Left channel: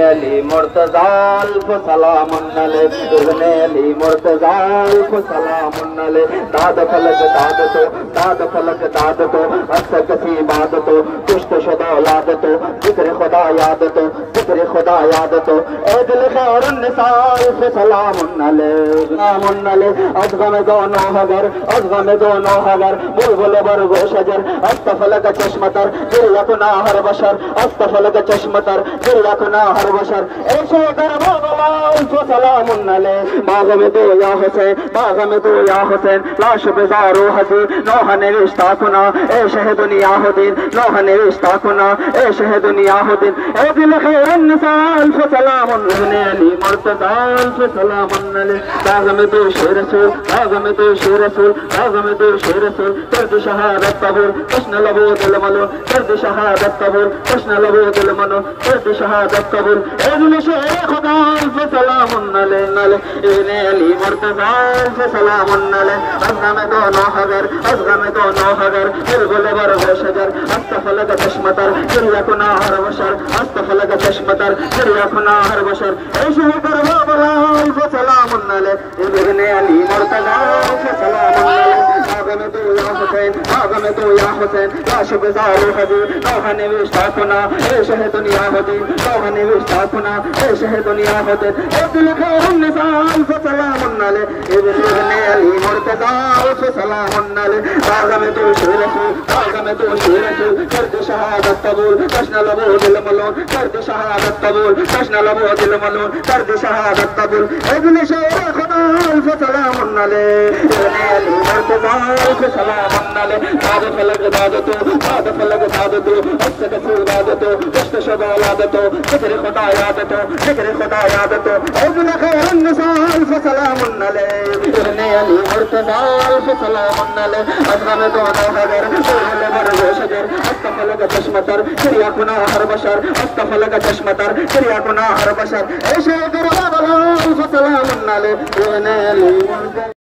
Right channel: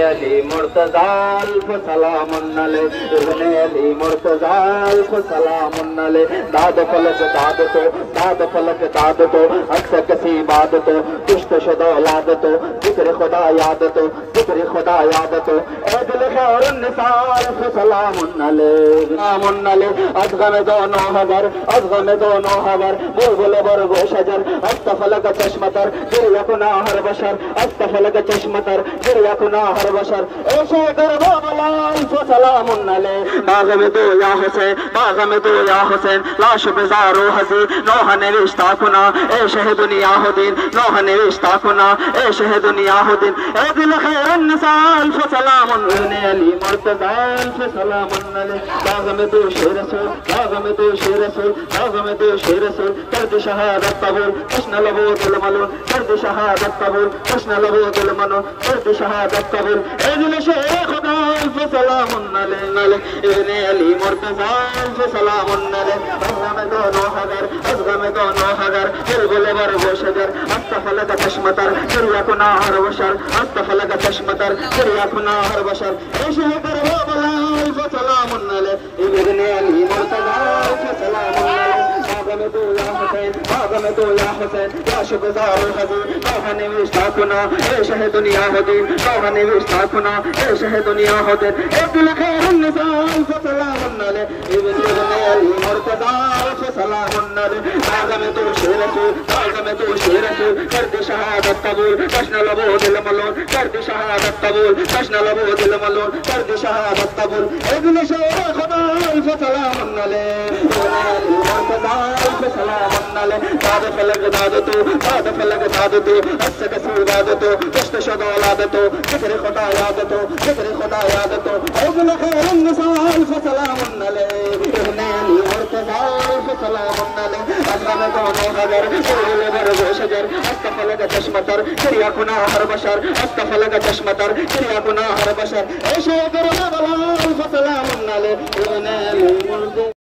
علي مرتضى الف سلام عليه ابن علي مرتضى الف سلام عليه داد فلک داد تو اکثر کسی باد تو کشت شدہ یاد تو ذکر خدا یاد تو ذکر خدا یاد تو اے دل خیر النساء الف سلام علیہ از غم دونوں حگر بلبل برگ و شجر استفلک چشمتر گر یکنا ہر بشر استفلک چشمتر گر یکنا ہر بشر اے شوگر مولا الف سلام علیہ باغ میں دو یا حسین لاش بزارو حزی نوح نوشتا کنا اے شہ دنیا دین نوح نوشتا کنا اے شہ دنیا دین اے دل خیر النساء الف سلام علی مرتضی الف سلام علیہ باغ میں دو شیر رسول ترد شہادت قبول کشن لبو دل منو ترد شہادت قبول کشن لبو دل منو ترد شہادت قبول اے دل شیر خدا الف سلام علیہ ابن علی مرتضی الف سلام علیہ از غم دونوں حگر بلبل برگ و شجر استفلک چشمتر گر یکنا ہر بشر استفلک چشمتر گر یکنا ہر بشر اے شوگر مولا الف سلام علیہ ابن علی مرتضی الف سلام علیہ باغ میں تو یا حسین لاش بزار حضی نوح نوشتا کنا اے شہ دنیا دین نوح نوشتا کنا اے شہ دنیا دین اے دل خیر النساء الف سلام علیہ ابن علی مرتضی الف سلام علیہ باغ میں تو شیر رسول کرد شہادت قبول کشن لبو دل ملون کرد شہادت قبول کشن لبو دل ملون کرد شہادت قبول اے دل شیر خدا الف سلام علیہ ابن علی مرتضی الف سلام علیہ داد فلک داد تو اچھا کسی داد تو کشت شدہ یاد تو ذکر خدا یاد تو اے دل خیر النساء الف سلام علیہ ابن علی مرتضی الف سلام علیہ از غم دونوں حگر بلبل برگ و شجر استفلک چشمتر گر یکنا ہر بشر استفلک چشمتر گر یکنا ہر بشر اے شوگر مولا الف سلام علیہ ابن علی مرتضی